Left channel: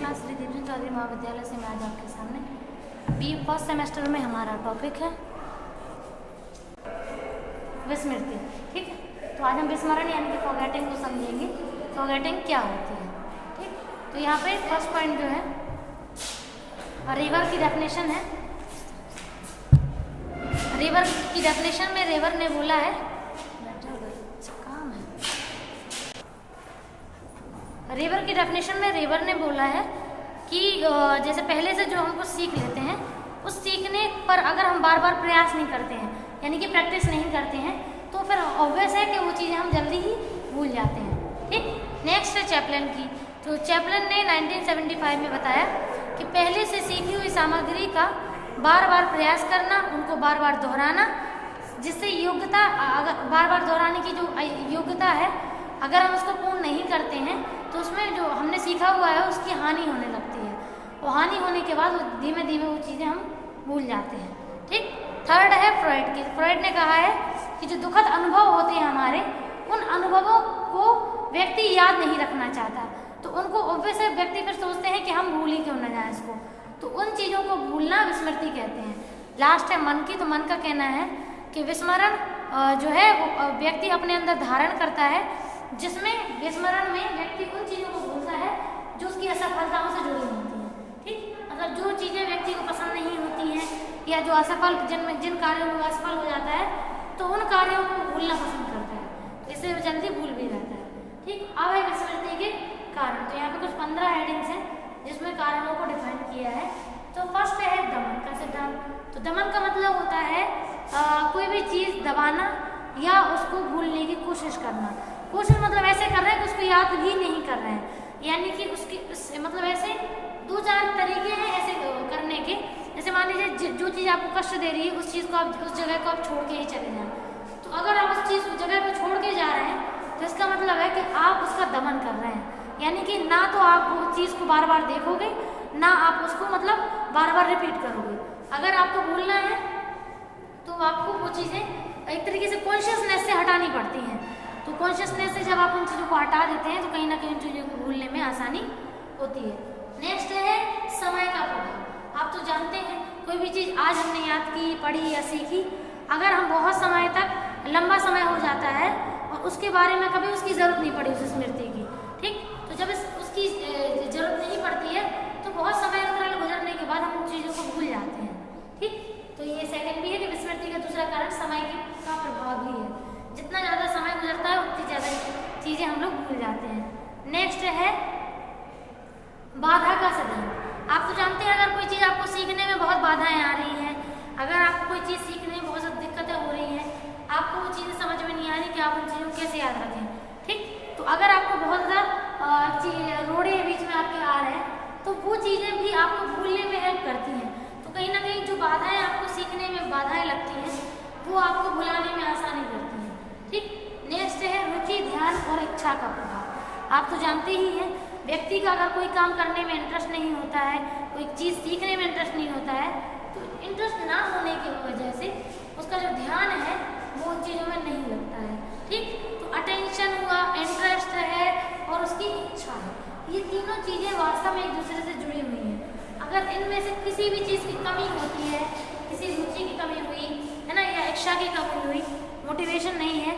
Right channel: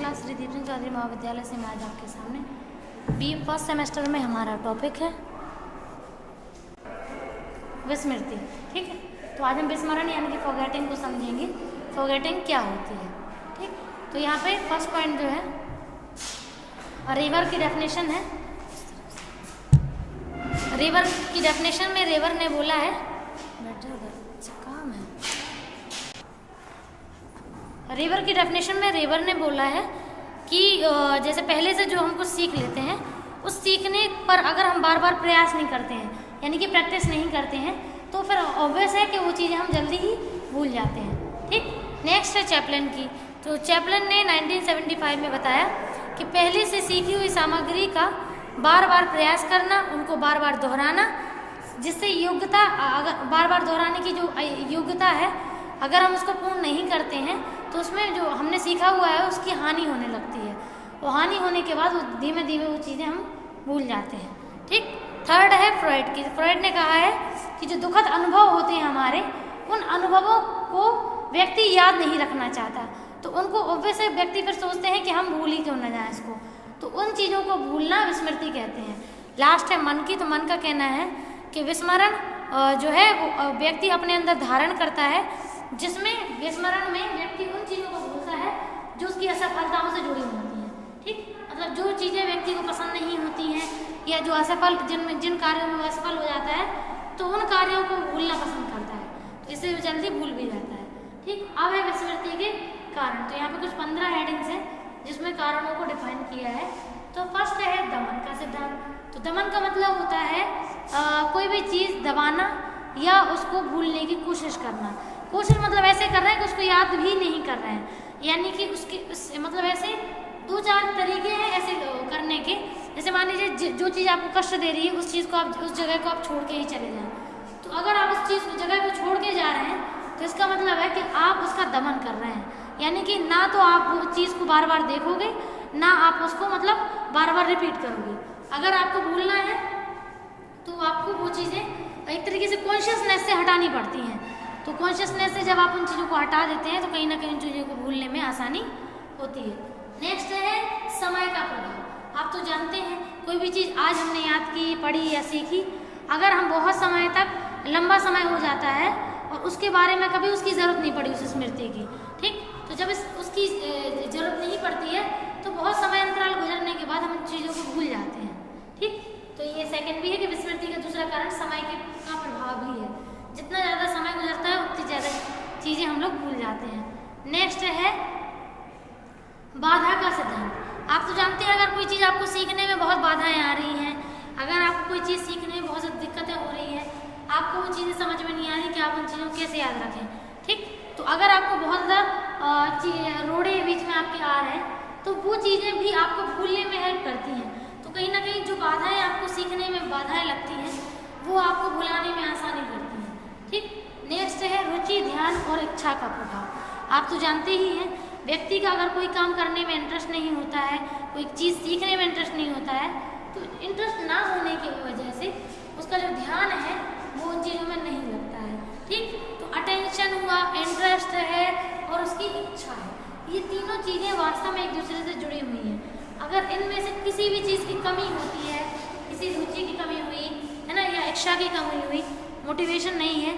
Class Shri Deepchand Chaudhary महाविद्यालय से मैं आज आपके सामने बी फर्स्ट सेमेस्टर में हमारा टॉपिक है विस्मृति। ठीक है, तो आज हम विस्मरण यानी कि फॉरगेटिंग को समझेंगे। फॉरगेटिंग क्या होती है। ठीक, तो यहाँ पे फर्स्ट पॉइंट जो है रिवर की डेफिनेशन है। रिवर की डेफिनेशन में रेवर ने बोला है, काम है, रिवर की डेफिनेशन में रेवर ने बोला है कि जैसे पहले से जो हम कुछ सीख लेते हैं उस सीखने पर अगर हम बार बार प्रयास नहीं करते हैं यानी कि प्रैक्टिस नहीं करते हैं तो फिर ऑब्वियस है कि वो चीज़ें हम जल्दी ही भूल जाते हैं। ठीक, नेक्स्ट है चैपलन की। तो चैपलन ने 1975 में बताया कि पहले से सीखी हुई सामग्री का बार बार प्रयास करना, उनको बार बार दोहराना, जिससे योग्यता बार बार दोहराने की जो योग्यता है अगर हम उसको पूर्ण नहीं करते हैं तो उसमें जो हमने सीखा हुआ है उसकी हानि होने लगती है। वो हानि होने के बाद धीमे धीमे वो चीज़ें हम भूल जाते हैं। ठीक, थर्ड है फ्रॉइड की। फ्रॉइड ने कहा है कि जो दुखद अनुभव होते हैं हमारे, उन अनुभवों को व्यक्ति याद नहीं रखना चाहता, तो उनको ऑब्वियस है व्यक्ति फिर सोचते हैं कि हम भूल ही क्यों न जाए इसको, तो उन चीज़ों को भूलना विस्मृति कहते हैं। लास्ट है मन की। तो मन का कहना है कि विस्मरण जो है व्यक्ति अपने अंदर धारण करता है, जिसमें विस्मरण में व्यक्ति उन चीज़ों को भूलता है जो उसकी असफलताओं से जुड़ी होती हैं। ठीक, मतलब जो चीज़ें व्यक्ति को पसंद नहीं होती हैं या जो असफल जिन कार्यों में असफल हो जाता है तो उन कार्यों को भूलना पसंद करता है, तो इससे वो जल्दी भूल भी जाता है। ठीक, अब है विस्मृति के कारण। तो यहाँ पे कुछ 15 हेडिंग्स हैं जिसमें कारणों को डिफाइन किया है। तो फर्स्ट है दमन का सिद्धांत। तो दमन का मतलब होता है कोई भी चीज़ दबाना या उसको भूलने की कोशिश करना। कोशिश मतलब ऐसे कर रहे हैं कि उसको याद भी नहीं कर रहे हैं, यानी कि मतलब ऐसे 2-4 तरीके हैं ऐसे करने के। जैसे मान लीजिए जो चीज़ आपको कष्ट दे रही है उस चीज़ को आप उस जगह को आप छोड़ के ही चले जाएं, तो अगर आप उस चीज़ जगह को छोड़ के जा रहे हैं तो इसका मतलब है कि आप उसका दमन कर रहे हैं, यानी कि ना तो आप वो चीज़ को बार बार देखोगे ना आप उसको मतलब बार बार रिपीट करोगे। अगर आपको भूलना है तो आपको वो चीज़ें एक तरीके से कॉन्शियसनेस से हटानी पड़ती हैं। तो कॉन्शियसनेस से जब आप उन चीज़ों को हटा देते हैं तो कहीं ना कहीं उन चीज़ों को भूलने में आसानी होती है। नेक्स्ट है समय का प्रभाव। आप तो जानते हैं कोई भी चीज़ आज हमने याद की, पढ़ी या सीखी, अगर हम बहुत समय तक लंबा समय हो जाता है और उसके बारे में कभी उसकी ज़रूरत नहीं पड़ी उस स्मृति की। ठीक, तो जब उसकी ज़रूरत नहीं पड़ती है तो बहुत समय अंतराल गुजरने के बाद हम उन चीज़ों को भूल जाते हैं। ठीक, तो ये सेकंड भी है कि विस्मृति का दूसरा कारण समय का प्रभाव भी है। जितना ज़्यादा समय गुजरता है उतनी ज़्यादा चीज़ें हम लोग भूल जाते हैं। नेक्स्ट है बाधा का सिद्धांत। आप तो जानते हैं अगर कोई चीज़ आपको सीखने में बहुत बाधाएं आ रही हैं, अगर आपको कोई चीज़ सीखने में बहुत ज़्यादा दिक्कतें हो रही हैं, आपको वो चीज़ें समझ में नहीं आ रही कि आप उन चीज़ों को कैसे याद रखें। ठीक, तो अगर आपको बहुत ज़्यादा रोड़े बीच में आपके आ रहे हैं तो वो चीज़ें भी आपको भूलने में हेल्प करती हैं। तो कहीं ना कहीं जो बाधाएं आपको सीखने में बाधाएं लगती हैं वो आपको भुलाने में आसानी करती हैं। ठीक, नेक्स्ट है रुचि, ध्यान और इच्छा का प्रभाव। आप तो जानते ही हैं व्यक्ति का अगर कोई काम करने में इंटरेस्ट नहीं होता है, कोई चीज़ सीखने में इंटरेस्ट नहीं होता है, तो इंटरेस्ट ना होने की वजह से उसका जो ध्यान है वो उन चीज़ों में नहीं लगता है। ठीक, तो अटेंशन हुआ, इंटरेस्ट है और उसकी इच्छा है, ये तीनों चीज़ें वास्तव में एक दूसरे से जुड़ी हुई हैं। अगर इनमें से किसी भी चीज़ की कमी होती है, किसी रुचि की कमी हुई है ना, या इच्छा की कमी हुई, मोटिवेशन नहीं है,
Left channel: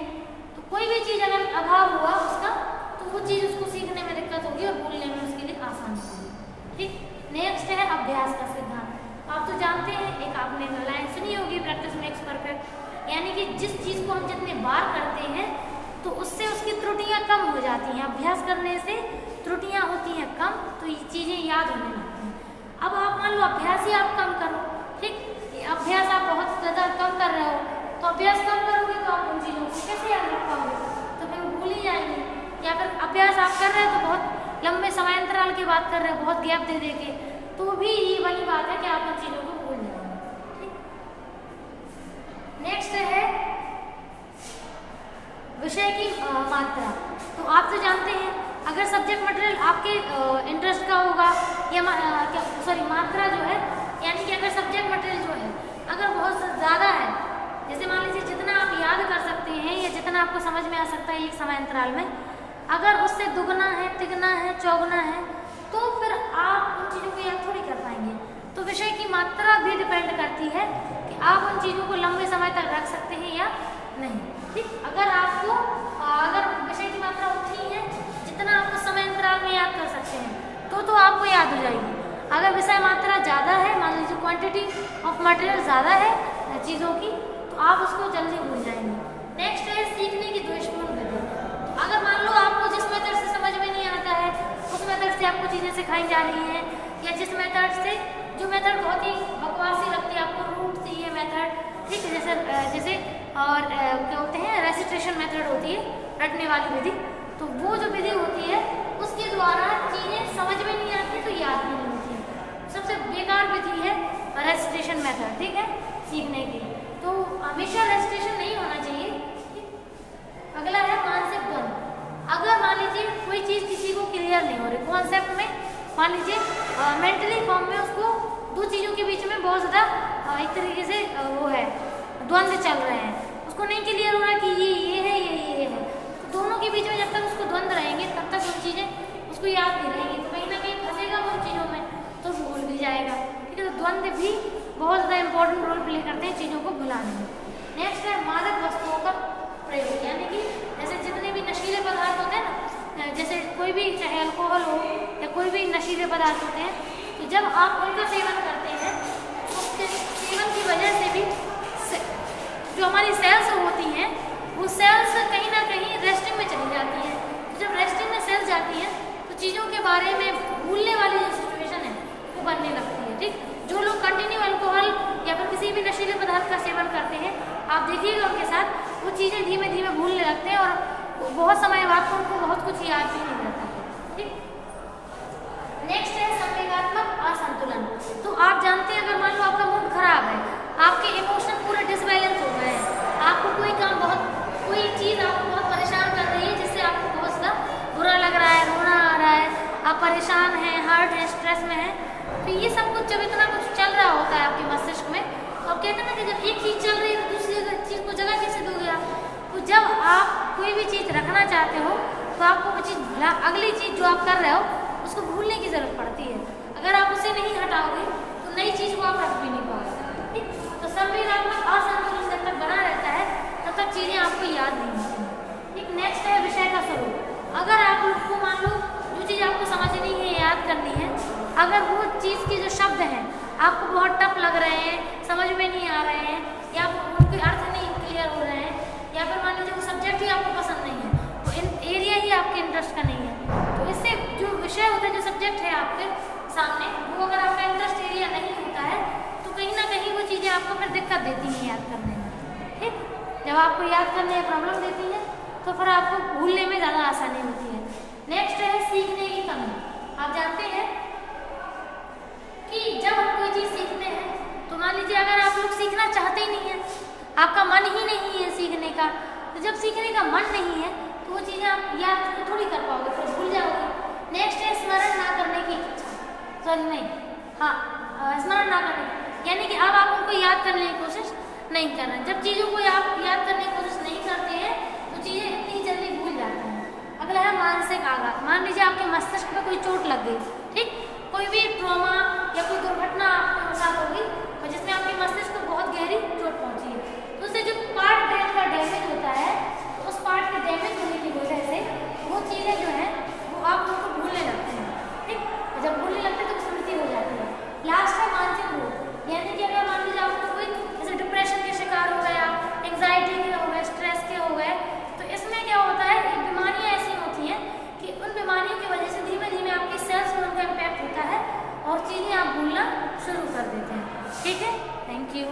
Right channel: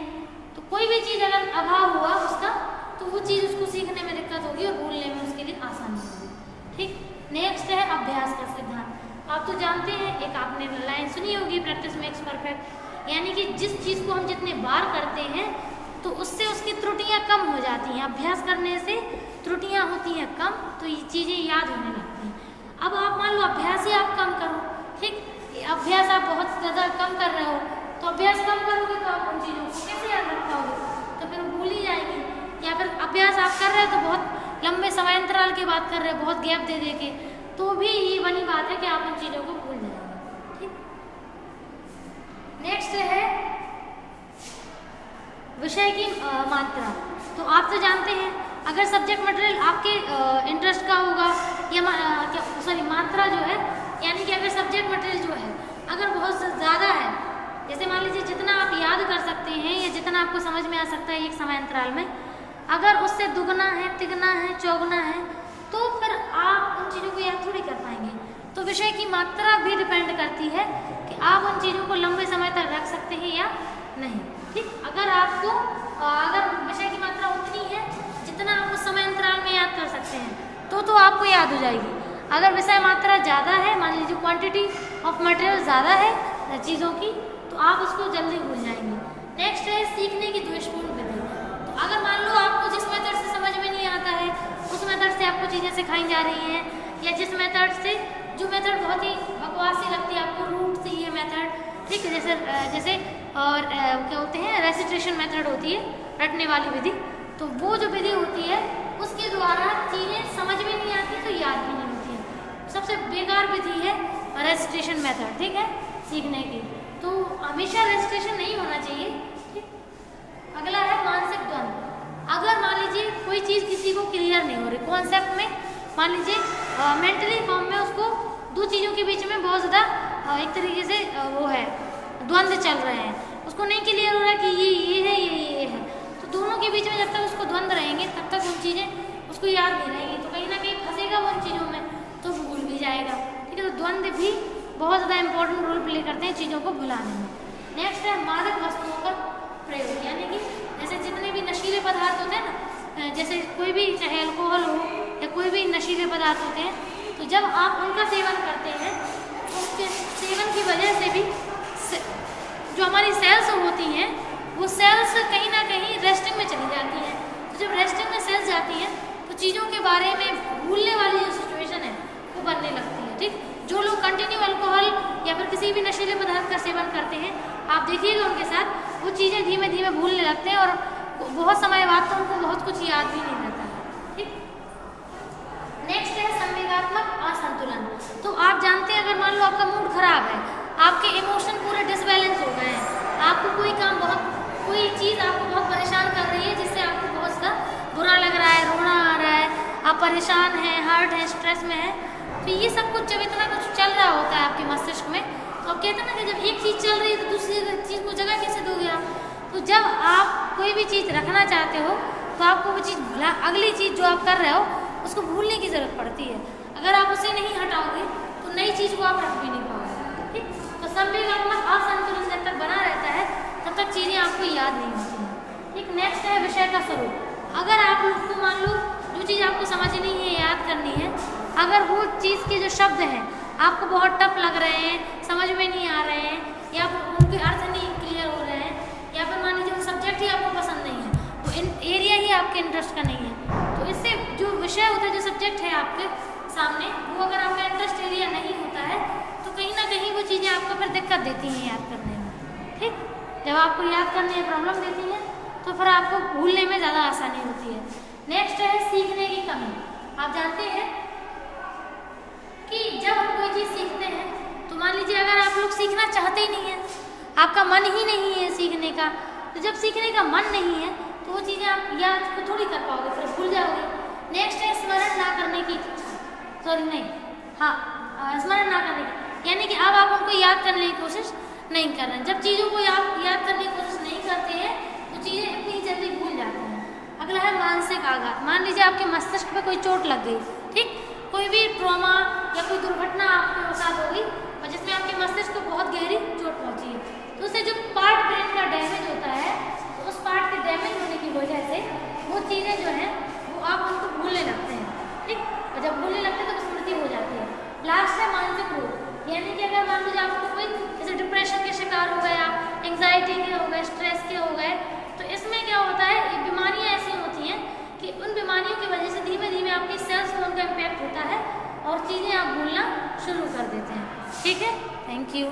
तो कोई भी चीज़ अगर अभाव हुआ उसका तो वो चीज़ उसको सीखने में दिक्कत होगी और भूलने में उसके लिए आसानी होगी। ठीक, नेक्स्ट है अभ्यास का सिद्धांत। आप तो जानते हैं, एक आपने लाइन सुनी होगी, प्रैक्टिस मेक्स परफेक्ट, यानी कि जिस चीज़ को हम जितने बार करते हैं तो उससे उसकी त्रुटियाँ कम हो जाती हैं। अभ्यास करने से त्रुटियाँ होती हैं कम, तो ये चीज़ें याद होने लगती हैं। अब आप मान लो अभ्यास ही आप कम करो, ठीक, अभ्यास आप बहुत ज़्यादा कम कर रहे हो तो अभ्यास कम करोगे तो आप उन चीज़ों को कैसे याद रख पाओगे, तो फिर भूल ही जाएंगे। या फिर अभ्यास आप कर रहे हो तो बहुत लंबे समय अंतराल की बात कर रहे हो, बहुत गैप दे दे के, तो भी ये बनी बात है कि आप उन चीज़ों को भूल जाएंगे। ठीक, नेक्स्ट है विषय की मात्रा। तो आप तो जानते हैं अगर सब्जेक्ट मटेरियल आपके इंटरेस्ट का होगा या मात्रा जो है, यानी कि अगर सब्जेक्ट मटेरियल जो है अगर बहुत ज़्यादा है, जैसे मान लीजिए जितना आप याद कर सकते हैं या जितना आपको समझ में आ सकता है एक समय अंतराल में, अगर उससे दुगना है, तिगना है, चौगुना है, तो फिर आप याद थोड़ी कर पाएंगे। तो विषय की मात्रा भी डिपेंड करती है कि आप उन चीज़ों को लंबे समय तक रख सकते हैं या नहीं। ठीक, अगर विषय की मात्रा उतनी है जितना आप उस समय अंतराल में याद कर सकते हैं तो आपको याद हो जाएगी। अगर विषय मात्रा ज़्यादा है, मान लीजिए क्वांटिटी ऑफ मटेरियल ज़्यादा है चीज़ों की, तो आप उसको जल्दी भूल जाएंगे। नेक्स्ट है सीखने की दोषपूर्ण विधि। तो अगर मान लो आपको जिस मेथड से समझ में नहीं आता है, उस मेथड से आपको चीज़ें सिखाई जा रही हैं, या जिस मेथड से जो मेथड बहुत ही बकवासी लगती है आपको, रूट से ये मेथड, ठीक है, जैसे और क्या होते हैं रेसिटेशन मेथड होती है, रटने वाली विधि, तो वो जो विधि होती है उसके द्वारा चीज़ें समझ में नहीं आती तो याद भी नहीं होती है। सबसे बेकार विधि है रेसिटेशन मेथड, ठीक है, सीखने की। तो हमेशा रेसिटेशन नहीं होना चाहिए। अगला है मानसिक द्वंद्व। अगर मान लीजिए कोई चीज़ किसी को क्लियर नहीं हो रही कॉन्सेप्ट में, मान लीजिए मेंटली फॉर्म में उसको दो चीज़ों के बीच में बहुत ज़्यादा एक तरीके से वो है द्वंद्व चल रहे हैं, उसको नहीं क्लियर हो रहा कि ये है ये है, तो दोनों के बीच में जब तक उसको द्वंद्व रहेंगे तब तक वो चीज़ें उसको याद नहीं रहेंगी, तो कहीं ना कहीं फंसेगा वो उन चीज़ों में, तो भूल भी जाएगा। ठीक है, तो द्वंद्व भी बहुत ज़्यादा इंपॉर्टेंट रोल प्ले करते हैं चीज़ों को भुलाने में। नेक्स्ट है मादक वस्तुओं का प्रयोग, यानी कि जैसे जितने भी नशीले पदार्थ होते हैं ना, जैसे कोई भी चाहे अल्कोहल हो या कोई भी नशीले पदार्थ होते हैं, तो जब आप उनका सेवन करते हैं उसके सेवन की वजह से भी जो हमारी सेल्स होती हैं वो सेल्स कहीं ना कहीं रेस्टिंग में चली जाती हैं। तो जब रेस्टिंग में सेल्स जाती हैं तो चीज़ों के बारे में भूलने वाली जो सिचुएशन है वो बनने लगती है। ठीक, जो लोग कंटिन्यू अल्कोहल या फिर किसी भी नशीले पदार्थ का सेवन करते हैं, आप देखिएगा उनके साथ वो चीज़ें धीमे धीमे भूलने लगते हैं और बहुत समय बाद तो उनको बहुत कुछ याद भी नहीं रहता। ठीक, नेक्स्ट है संवेगात्मक असंतुलन। तो आप जानते हैं अगर मान लो आपका मूड खराब है, आपके इमोशन पूरे डिसबैलेंस हो गए हैं, आपको कोई चीज़ आपको बहुत परेशान कर रही है जिससे आपको बहुत ज़्यादा बुरा लग रहा है, रोना आ रहा है, आप परेशान हैं, हर्ट है, स्ट्रेस में है, तो ये सब कुछ जब इतना कुछ चल रहा होता है आपके मस्तिष्क में, तो कहते हैं ना कि जब एक चीज़ चल रही है तो दूसरी चीज़ को जगह कैसे दोगे आप। तो जब आप कोई भी चीज़ रखना चाहते हो तो आपको वो चीज़ अगली चीज़ जो आप कर रहे हो उसको भूलने की ज़रूरत पड़ती है। अगर आप उसे नहीं हटाओगे तो नई चीज़ को आप रख भी नहीं पाओगे। ठीक, तो संवेगात्मक असंतुलन जब तक बना रहता है तब तक चीज़ें आपको याद नहीं होती। ठीक, नेक्स्ट है विषय का स्वरूप। अगर आप उसको मान लो जो चीज़ आपको समझनी है, याद करनी है, अगर वो चीज़ के जो शब्द हैं आपको बहुत टफ लग रहे हैं, समझ में नहीं आ रहे हैं, या उनके अर्थ नहीं क्लियर हो रहे हैं, या फिर मान लीजिए वो सब्जेक्ट ही आपको पसंद नहीं है, तो इन एरिया ही आपके इंटरेस्ट का नहीं है, तो इससे जो विषय होता है, जो सब्जेक्ट है आपके सामने, वो अगर आपका इंटरेस्ट एरिया नहीं होता है तो कहीं ना कहीं वो चीज़ें आपको फिर दिक्कत देती हैं याद करने में। ठीक, जब आपको याद करने में प्रॉब्लम देती है तो फिर आपको भूलने में ज़्यादा आसानी होती है। नेक्स्ट है सीखने की कमी। आप जानते हैं कि जब हम कोई चीज़ सीखते हैं तो मान लीजिए अगर आप लोग सीखना चाहते ही नहीं है, आपका मन ही नहीं है सीखने का, तो जब सीखने का मन नहीं है तो वो चीज़ें आप याद को थोड़ी कर पाओगे, फिर भूल जाओगे। नेक्स्ट है स्मरण ना करने की, स्मरण ना करने, यानी कि अब आप उनको याद करने की कोशिश नहीं कर रहे हैं। जब चीज़ों को याद करने की कोशिश नहीं करते हैं तो चीज़ें इतनी जल्दी भूल जाती हैं। अगला है मानसिक आघात। मान लीजिए आपके मस्तिष्क पे कोई चोट लग गई, ठीक, कोई भी ट्रॉमा या कोई दुर्घटना आपके साथ होगी और जिसमें आपके मस्तिष्क को बहुत गहरी चोट पहुंची है, तो उससे जो पार्ट ब्रेन का डैमेज होता है, तो उस पार्ट के डैमेज होने की वजह से वो चीज़ें जो हैं वो आप उनको भूलने लगते हैं। ठीक, और जब भूलने लगते हैं तो स्मृति हो जाती है। लास्ट है मानसिक रोग, यानी कि अगर मान लीजिए आपको कोई जैसे डिप्रेशन के शिकार हो गए, आप एंग्जाइटी के हो गए, स्ट्रेस के हो गए, तो इसमें क्या होता है, ये बीमारियाँ ऐसी होती हैं कि उन बीमारियों की वजह से धीमे धीमे आपकी सेल्स में उनका इम्पैक्ट होता है और चीज़ें आप भूलना शुरू कर देते हैं। ठीक है, थैंक यू।